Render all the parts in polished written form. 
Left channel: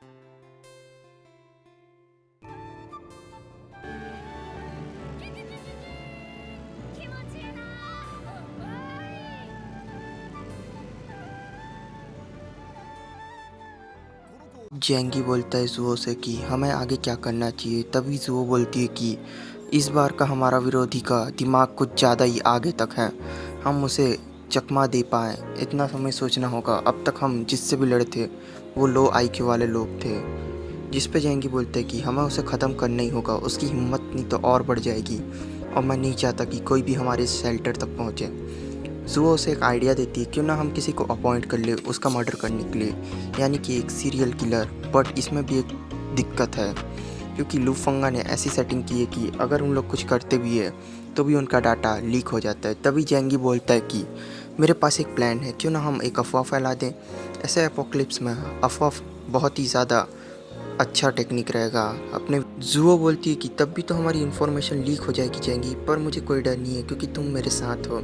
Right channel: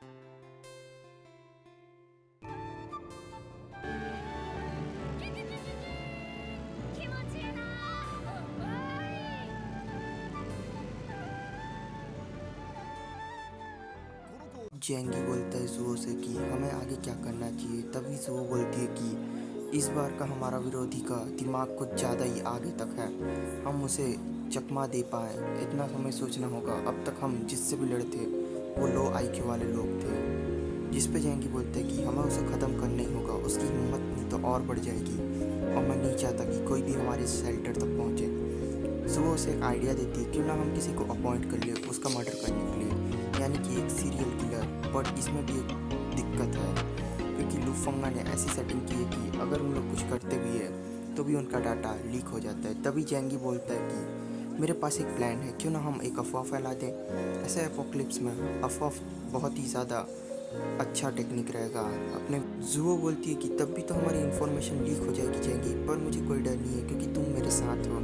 気持ちいいなー。わजेंगी बोलता है जुओ से कि हमें आगे क्या करना चाहिए। तभी जुओ बोलती है कि इस बार का हमारा विरोधी का दिमाग कुछ ज़्यादा ही आगे तक है, हम उसे चकमा दे पाएँ इतना हमें सोचना होगा। अब तक हम जिससे भी लड़े थे वो लो आईक्यू वाले लोग थे। जिस पे जेंगी बोलते हैं कि हमें उसे ख़त्म करना ही होगा, उसकी हिम्मत नहीं तो और बढ़ जाएगी और मैं नहीं चाहता कि कोई भी हमारे शेल्टर तक पहुँचे। जुओ उसे एक आइडिया देती है, क्यों ना हम किसी को अपॉइंट कर ले उसका मर्डर करने के लिए, यानी कि एक सीरियल किलर। बट इसमें भी एक दिक्कत है, क्योंकि लुफंगा ने ऐसी सेटिंग की है कि अगर उन लोग कुछ करते भी है तो भी उनका डाटा लीक हो जाता है। तभी जेंगी बोलता है कि मेरे पास एक प्लान है, क्यों ना हम एक अफवाह फैला दें। ऐसे एपोक्लिप्स में अफवाह बहुत ही ज़्यादा अच्छा टेक्निक रहेगा अपने। जुओ बोलती है कि तब भी तो हमारी इन्फॉर्मेशन लीक हो जाएगी जेंगी, पर मुझे कोई डर नहीं है क्योंकि तुम मेरे साथ हो।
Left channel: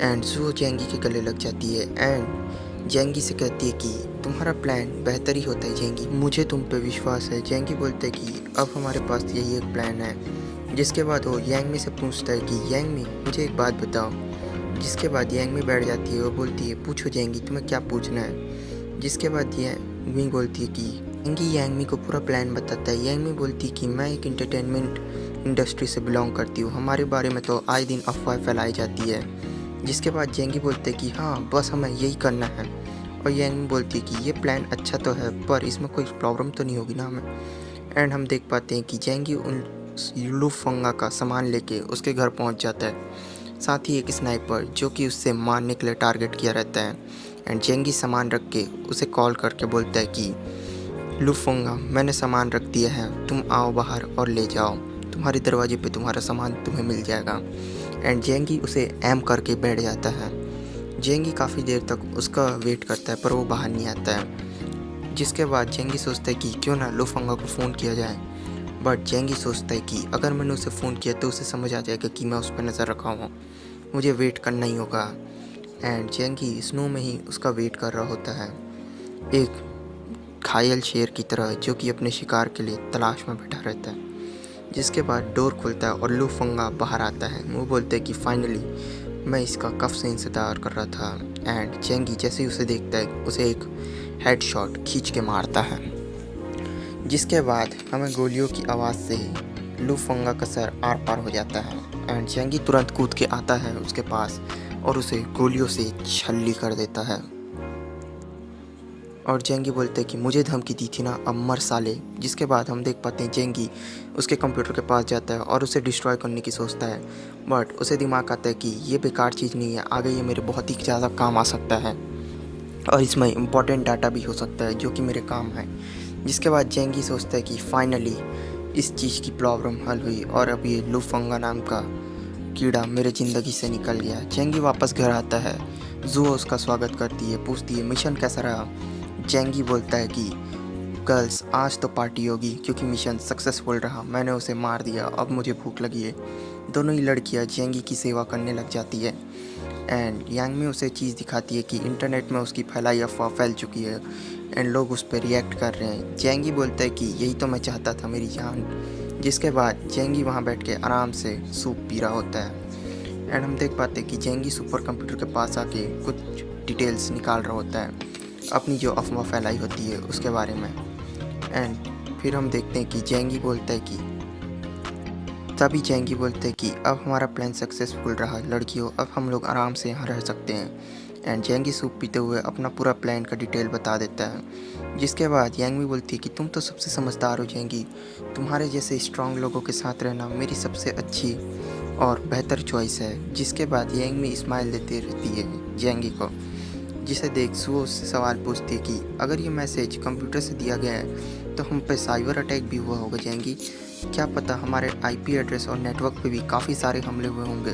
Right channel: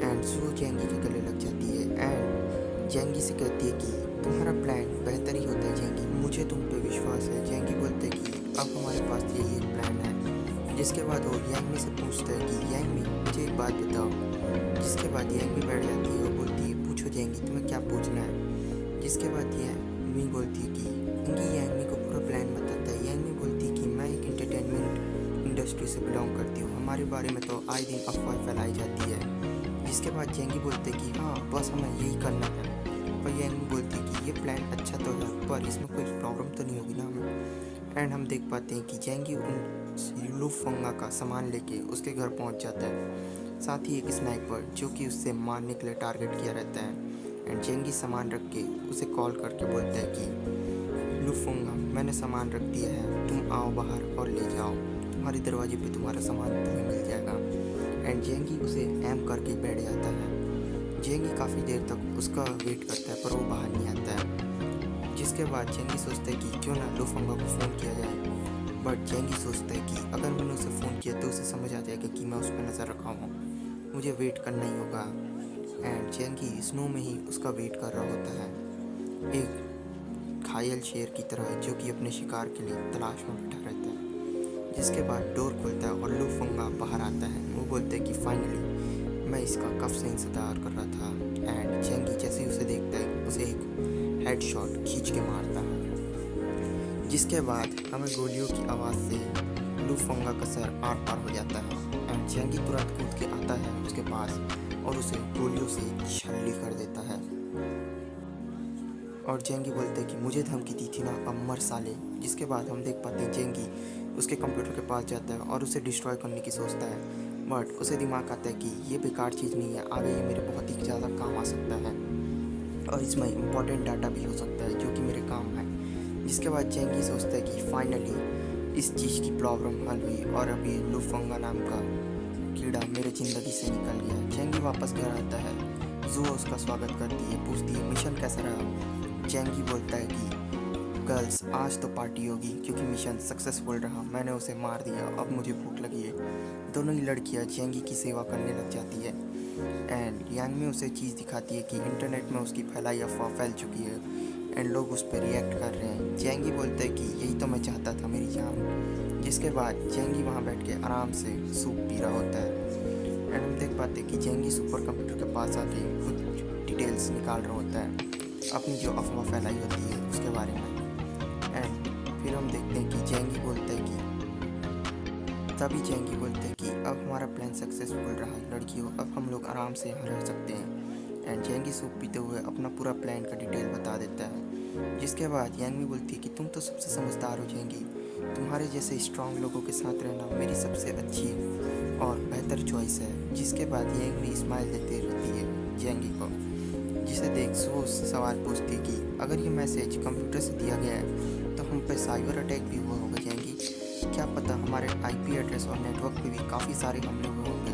एंड जुओ जेंगी के गले लग जाती है एंड जेंगी से कहती है कि तुम्हारा प्लान बेहतर ही होता है जेंगी, मुझे तुम पे विश्वास है। जेंगी बोलते है कि अब हमारे पास यही एक प्लान है। जिसके बाद वो यांगमी से पूछता है कि यांगमी मुझे एक बात बताओ। जिसके बाद यांगमी बैठ जाती है और बोलती है पूछो जेंगी तुम्हें क्या पूछना है। जिसके बाद यांगमी बोलती है कि जेंगी यांगमी को पूरा प्लान बताता है। यांगमी बोलती है कि मैं एक एंटरटेनमेंट इंडस्ट्री से बिलोंग करती हूँ, हमारे बारे में तो आए दिन अफवाह फैलाई जाती है। जिसके बाद जेंगी बोलते हैं कि हाँ बस हमें यही करना है। और यांगमी बोलती है कि ये प्लान अच्छा तो है पर इसमें कोई प्रॉब्लम तो नहीं होगी ना हमें। एंड हम देख पाते हैं कि जेंगी उन लुफंगा का सामान लेके उसके घर पहुंच जाता है, साथ ही एक स्नाइपर जो कि उससे मारने के लिए टारगेट किया रहता है। एंड जेंगी सामान रख के उसे कॉल करके बोलता है कि लुफंगा मैंने सामान रख दिया है, तुम आओ बाहर और ले जाओ, तुम्हारे दरवाजे पे तुम्हारा सामान तुम्हें मिल जाएगा। एंड जेंगी उसे एम करके बैठ जाता है। जेंगी काफ़ी देर तक उसका वेट करता है पर वो बाहर नहीं आता है। जिसके बाद जेंगी सोचता है कि क्यों ना लुफंगा को फ़ोन किया जाए। बट जेंगी सोचता है कि अगर मैंने उसे फ़ोन किया तो उसे समझ आ जाएगा कि मैं उस पर नज़र रखा हूँ, मुझे वेट करना ही होगा। एंड जेंगी स्नो में ही उसका वेट कर रहा होता है, एक घायल शेर की तरह जो कि अपने शिकार के लिए तलाश में बैठा रहता है। जिसके बाद डोर खुलता है और लुफंगा बाहर आता है। वो बोलते हैं कि फाइनली मैं इसका कब से इंतज़ार कर रहा था। एंड जेंगी जैसे ही उसे देखता है उसे एक हेडशॉट खींच के मारता है। जिसके बाद हमें गोलियों की आवाज़ से लुफंगा का सर आर पार हो जाता है। एंड जेंगी तुरंत कूद के आता है उसके पास और उसे गोलियों से छल्ली कर देता है। और जेंगी बोलते हैं कि मुझे धमकी दी थी ना, अब मर साले। जिसके बाद हम देख पाते हैं जेंगी उसके कंप्यूटर के पास जाता है और उसे डिस्ट्रॉय करने की सोचता है। बट उसे दिमाग आता है कि ये बेकार चीज़ नहीं है, आगे ये मेरे बहुत ही ज़्यादा काम आ सकता है और इसमें इम्पोर्टेंट डाटा भी हो सकता है जो कि मेरे काम है। जिसके बाद जेंगी सोचता है कि फाइनली इस चीज़ की प्रॉब्लम हल हुई और अब ये लुफंगा नाम का कीड़ा मेरे ज़िंदगी से निकल गया। जेंगी वापस घर आता है, जुओ उसका स्वागत करती है, पूछती है मिशन कैसा रहा। जेंगी बोलता है कि गर्ल्स आज तो पार्टी होगी क्योंकि मिशन सक्सेसफुल रहा, मैंने उसे मार दिया, अब मुझे भूख लगी है। दोनों ही लड़कियां जेंगी की सेवा करने लग जाती है। एंड यांगमी उसे चीज़ दिखाती है कि इंटरनेट में उसकी फैलाई अफवाह फैल चुकी है एंड लोग उस पर रिएक्ट कर रहे हैं। जेंगी बोलता है कि यही तो मैं चाहता था मेरी जान। जिसके बाद जेंगी वहाँ बैठ के आराम से सूप पी रहा होता है। एंड हम देख पाते हैं कि जेंगी सुपर कंप्यूटर के पास आके कुछ डिटेल्स निकाल रहा होता है अपनी जो अफवाह फैलाई होती है उसके बारे में। एंड फिर हम देखते हैं कि जेंगी बोलता है कि तभी जेंगी बोलते हैं कि अब हमारा प्लान सक्सेसफुल रहा लड़कियों, अब हम लोग आराम से यहाँ रह सकते हैं। एंड जेंगी सूप पीते हुए अपना पूरा प्लान का डिटेल बता देता है। जिसके बाद यांगमी बोलती है कि तुम तो सबसे समझदार हो जेंगी, तुम्हारे जैसे स्ट्रांग लोगों के साथ रहना मेरी सबसे अच्छी और बेहतर चॉइस है। जिसके बाद यांगमी स्माइल देती रहती है जेंगी को, जिसे देख वो उससे सवाल पूछती है कि अगर ये मैसेज कंप्यूटर से दिया गया है तो हम पे साइबर अटैक भी हुआ होगा जेंगी, क्या पता हमारे आईपी एड्रेस और नेटवर्क पे भी काफ़ी सारे हमले हुए होंगे,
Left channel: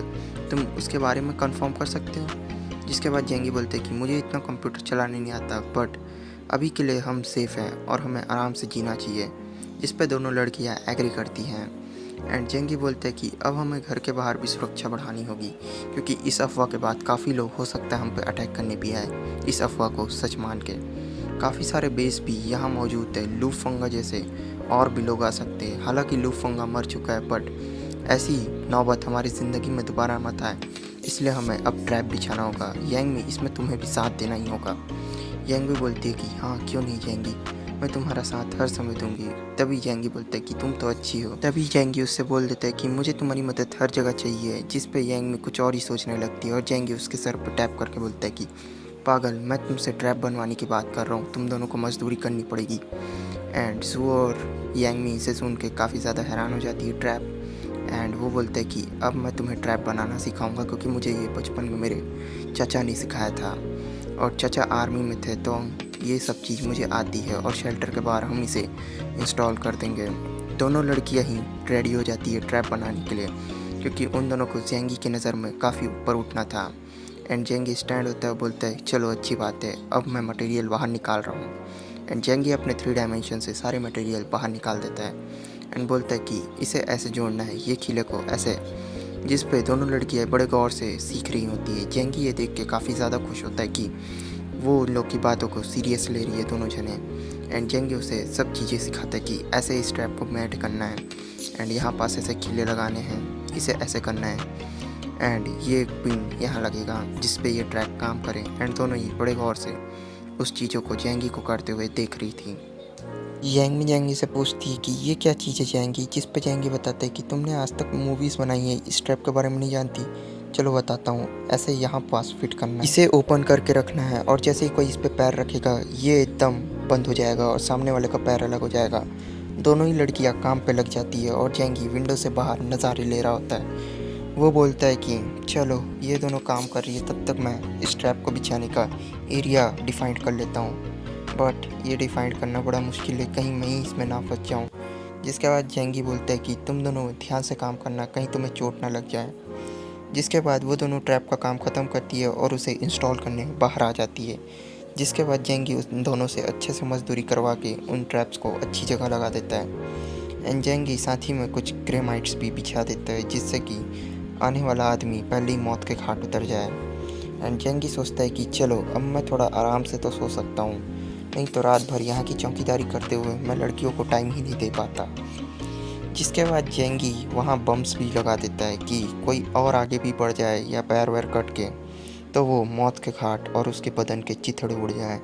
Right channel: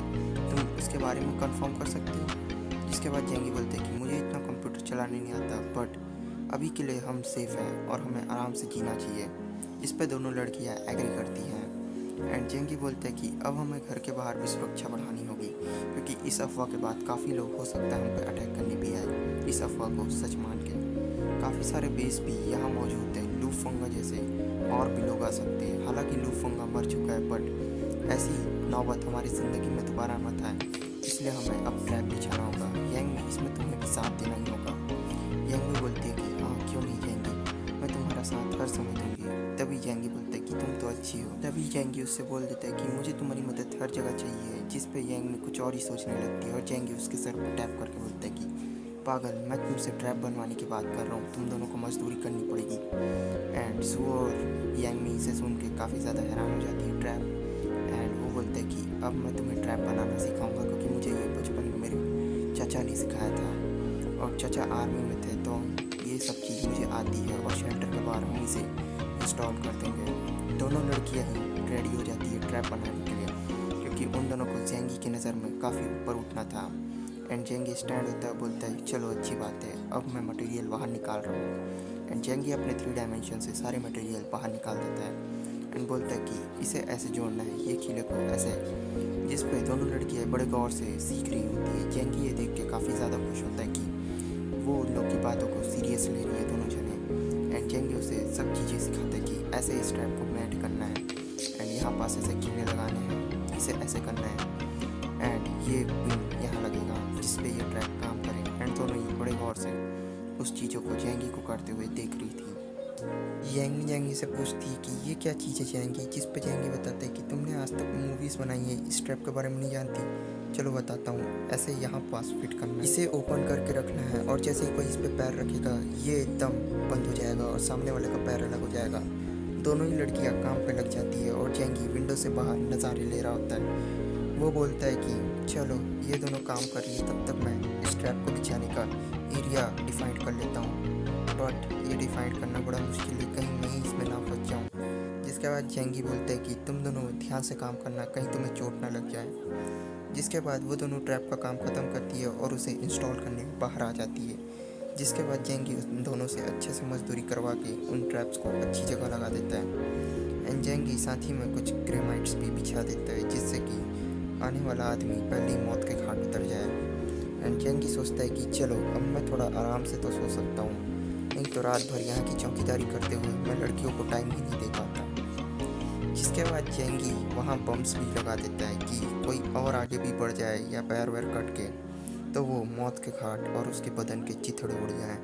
तुम उसके बारे में कंफर्म कर सकते हो। जिसके बाद जेंगी बोलते हैं कि मुझे इतना कंप्यूटर चलाने नहीं आता, बट अभी के लिए हम सेफ़ हैं और हमें आराम से जीना चाहिए। जिस पे दोनों लड़कियां एग्री करती हैं। एंड जेंगी बोलते हैं कि अब हमें घर के बाहर भी सुरक्षा बढ़ानी होगी क्योंकि इस अफवाह के बाद काफ़ी लोग हो सकता है हम पे अटैक करने भी आए इस अफवाह को सच मान के। काफ़ी सारे बेस भी यहाँ मौजूद है। लूफंगा जैसे और भी लोग आ सकते हैं। हालांकि लूफंगा मर चुका है, बट ऐसी नौबत हमारी ज़िंदगी में दोबारा मत आए, इसलिए हमें अब ट्रैप बिछाना होगा। यांग इसमें तुम्हें भी साथ देना ही होगा। यांग बोलती है कि हाँ क्यों नहीं जाएंगी, मैं तुम्हारा साथ हर समय दूंगी। तभी जैंगी बोलता है कि तुम तो अच्छी हो। तभी जैंगी उससे बोल देता है कि मुझे तुम्हारी मदद हर जगह चाहिए, जिस पे यांग में कुछ और ही सोचने लगती है और जैंगी उसके सर पर टैप करके बोलता है कि पागल, मैं तुमसे ट्रैप बनवाने की बात कर रहा हूँ, तुम दोनों को मजदूरी करनी पड़ेगी। एंड जू और यांगमी इसे सुन के काफ़ी ज़्यादा हैरान हो जाती है ट्रैप। एंड वो बोलता है कि अब मैं तुम्हें ट्रैप बनाना सिखाऊंगा, क्योंकि मुझे ये बचपन में मेरे चाचा ने सिखाया था और चाचा आर्मी में थे, तो ये सब चीज़ मुझे आती है और शेल्टर के बाहर हम इसे इंस्टॉल कर देंगे। दोनों लड़कियां ही रेडी हो जाती है ट्रैप बनाने के लिए, क्योंकि उन दोनों को जेंगी की नज़र में काफ़ी ऊपर उठना था। एंड जेंगी स्टैंड होता है, बोलता है चलो अच्छी बात है, अब मैं मटेरियल बाहर निकाल रहा हूँ। एंड जेंगी अपने 3 डायमेंशन से सारे मटेरियल बाहर निकाल देता है एंड बोलता है कि इसे ऐसे जोड़ना है, ये खीले को ऐसे, जिस पे दोनों लड़कियां बड़े गौर से सीख रही होती है। जेंगी ये देख के काफ़ी ज़्यादा खुश होता है कि वो उन लोग की बातों को सीरियस ले रही है दोनों जने। एंड जेंगी उसे सब चीज़ें सिखाता है कि ऐसे इस ट्रैप को मैट करना है एंड यहाँ पास ऐसे खीले लगाने हैं, इसे ऐसे करना है एंड ये पिन यहाँ लगेगा जिस पे ये ट्रैप काम करे। एंड दोनों ही बड़े गौर से उस चीज़ों को जेंगी को करते हुए देख रही थी। यांगमी जेंगी से पूछती है कि ये क्या चीज़ है जेंगी, जिस पे जेंगी बताते हैं कि तुमने आज तक मूवीज़ बनाई है, इस ट्रैप के बारे में नहीं जानती। चलो बताता हूँ, ऐसे यहाँ पास फिट करना है, इसे ओपन करके रखना है और जैसे ही कोई इस पे पैर रखेगा ये एकदम बंद हो जाएगा और सामने वाले का पैर अलग हो जाएगा। दोनों ही लड़कियाँ काम पे लग जाती है और जेंगी विंडो से बाहर नज़ारे ले रहा होता है। वो बोलता है कि चलो ये दोनों काम कर रही है, तब तक मैं इस ट्रैप को बिछाने का एरिया डिफाइंड कर लेता हूँ। बट ये डिफाइंड करना बड़ा मुश्किल है, कहीं मैं ही इसमें ना फंस जाऊँ। जिसके बाद जेंगी बोलता है कि तुम दोनों ध्यान से काम करना, कहीं तुम्हें चोट ना लग जाए। जिसके बाद वो दोनों ट्रैप का काम ख़त्म करती है और उसे इंस्टॉल करने बाहर आ जाती है। जिसके बाद जेंगी उन दोनों से अच्छे से मजदूरी करवा के उन ट्रैप्स को अच्छी जगह लगा देता है। एंड जेंगी साथ ही में कुछ ग्रेमाइट्स भी बिछा देता है, जिससे कि आने वाला आदमी पहले ही मौत के घाट उतर जाए। एंड जेंगी सोचता है कि चलो अब मैं थोड़ा आराम से तो सो सकता हूँ, नहीं तो रात भर यहाँ की चौकीदारी करते हुए मैं लड़कियों को टाइम ही नहीं दे पाता। जिसके बाद जेंगी वहाँ बम्स भी लगा देता है कि कोई और आगे भी बढ़ जाए या पैर वैर कट के तो वो मौत के घाट और उसके बदन के चिथड़े उड़ जाएं।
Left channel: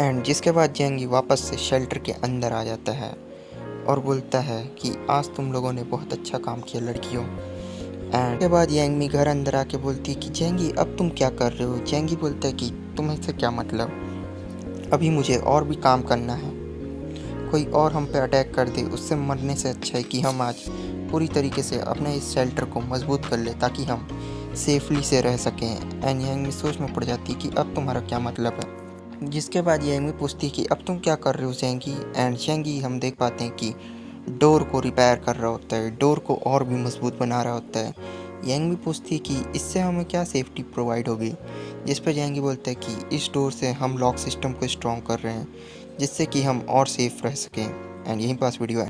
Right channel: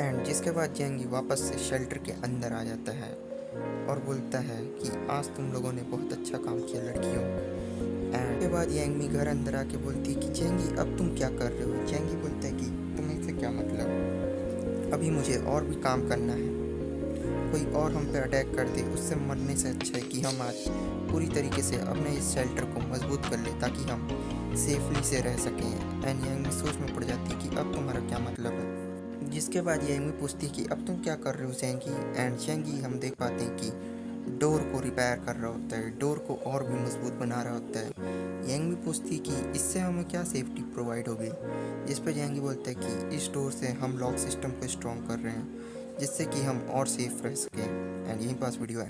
एंड जिसके बाद जेंगी वापस से शेल्टर के अंदर आ जाता है और बोलता है कि आज तुम लोगों ने बहुत अच्छा काम किया लड़कियों। एंड के बाद यांगमी घर अंदर आके बोलती है कि जेंगी अब तुम क्या कर रहे हो। जेंगी बोलता है कि तुम्हें से क्या मतलब, अभी मुझे और भी काम करना है, कोई और हम पे अटैक कर दे उससे मरने से अच्छा है कि हम आज पूरी तरीके से अपने इस शेल्टर को मजबूत कर ले ताकि हम सेफली से रह सकें। एंड यांगमी सोच में पड़ जाती है कि अब तुम्हारा क्या मतलब है। जिसके बाद यांगमी पूछती है कि अब तुम क्या कर रहे हो जेंगी। एंड जेंगी हम देख पाते हैं कि डोर को रिपेयर कर रहा होता है, डोर को और भी मजबूत बना रहा होता है। यांगमी पूछती है कि इससे हमें क्या सेफ्टी प्रोवाइड होगी। जिस पर यांगी बोलता है कि इस डोर से हम लॉक सिस्टम को स्ट्रॉन्ग कर रहे हैं, जिससे कि हम और सेफ रह सकें। एंड यहीं पास वीडियो है।